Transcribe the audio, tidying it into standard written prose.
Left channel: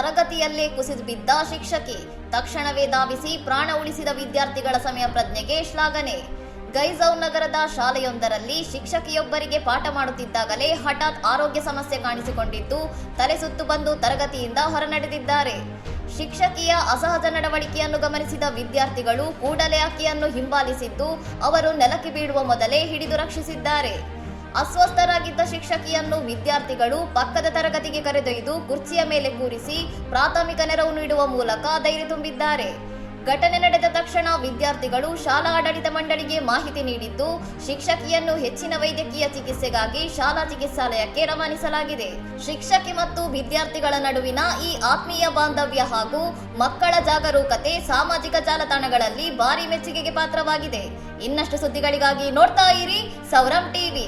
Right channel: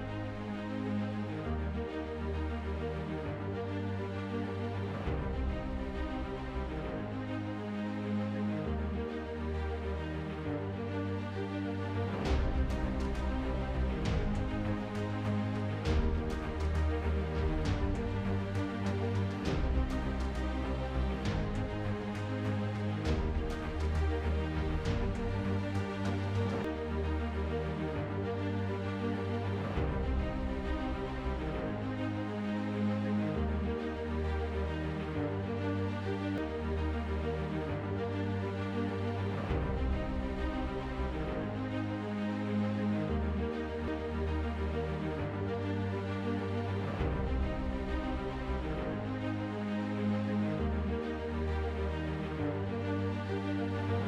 ತರಗತಿಯಲ್ಲೇ ಕುಸಿದು ಬಿದ್ದ ಶಿಕ್ಷಕಿ, ತಕ್ಷಣವೇ ಧಾವಿಸಿ ಪ್ರಾಣ ಉಳಿಸಿದ ವಿದ್ಯಾರ್ಥಿಗಳ ಸಮಯ ಪ್ರಜ್ಞೆಗೆ ಶ್ಲಾಘನೆ. ಗೈಜೌ ನಗರದ ಶಾಲೆಯೊಂದರಲ್ಲಿ ಶಿಕ್ಷಕಿಯೊಬ್ಬರಿಗೆ ಪಾಠ ಮಾಡುತ್ತಿದ್ದಾಗಲೇ ಹಠಾತ್ ಆರೋಗ್ಯ ಸಮಸ್ಯೆ ಕಾಣಿಸಿಕೊಂಡಿದ್ದು ತಲೆ ಸುತ್ತು ಬಂದು ತರಗತಿಯಿಂದ ಹೊರನಡೆದಿದ್ದಾರೆ. ಶಿಕ್ಷಕಿಯ ಅಸಹಜ ನಡವಳಿಕೆಯನ್ನು ಗಮನಿಸಿದ ವಿದ್ಯಾರ್ಥಿಗಳು ಕೂಡಲೇ ಆಕೆಯನ್ನು ಹಿಂಬಾಲಿಸಿದ್ದು ಅವರು ನೆಲಕ್ಕೆ ಬೀಳುವ ಮೊದಲೇ ಹಿಡಿದು ರಕ್ಷಿಸಿದ್ದಾರೆ. ಅಸ್ವಸ್ಥರಾಗಿದ್ದ ಶಿಕ್ಷಕಿಯನ್ನು ವಿದ್ಯಾರ್ಥಿಗಳು ಪಕ್ಕದ ತರಗತಿಗೆ ಕರೆದೊಯ್ದು ಕುರ್ಚಿಯ ಮೇಲೆ ಕೂರಿಸಿ ಪ್ರಾಥಮಿಕ ನೆರವು ನೀಡುವ ಮೂಲಕ ಧೈರ್ಯ ತುಂಬಿದ್ದಾರೆ. ಘಟನೆ ನಡೆದ ತಕ್ಷಣ ವಿದ್ಯಾರ್ಥಿಗಳು ಶಾಲಾ ಆಡಳಿತ ಮಂಡಳಿಗೆ ಮಾಹಿತಿ ನೀಡಿದ್ದು ಶಿಕ್ಷಕಿಯನ್ನು ಹೆಚ್ಚಿನ ವೈದ್ಯಕೀಯ ಚಿಕಿತ್ಸೆಗಾಗಿ ಶಾಲಾ ಚಿಕಿತ್ಸಾಲಯಕ್ಕೆ ರವಾನಿಸಲಾಗಿದೆ. ಶಿಕ್ಷಕಿ ಮತ್ತು ವಿದ್ಯಾರ್ಥಿಗಳ ನಡುವಿನ ಈ ಆತ್ಮೀಯ ಬಾಂಧವ್ಯ ಹಾಗೂ ಮಕ್ಕಳ ಜಾಗರೂಕತೆ ಸಾಮಾಜಿಕ ಜಾಲತಾಣಗಳಲ್ಲಿ ಭಾರಿ ಮೆಚ್ಚುಗೆಗೆ ಪಾತ್ರವಾಗಿದೆ. ಇನ್ನಷ್ಟು ಸುದ್ದಿಗಳಿಗಾಗಿ ನೋಡ್ತಾ ಇರಿ ಸೌರಂ ಟಿವಿ.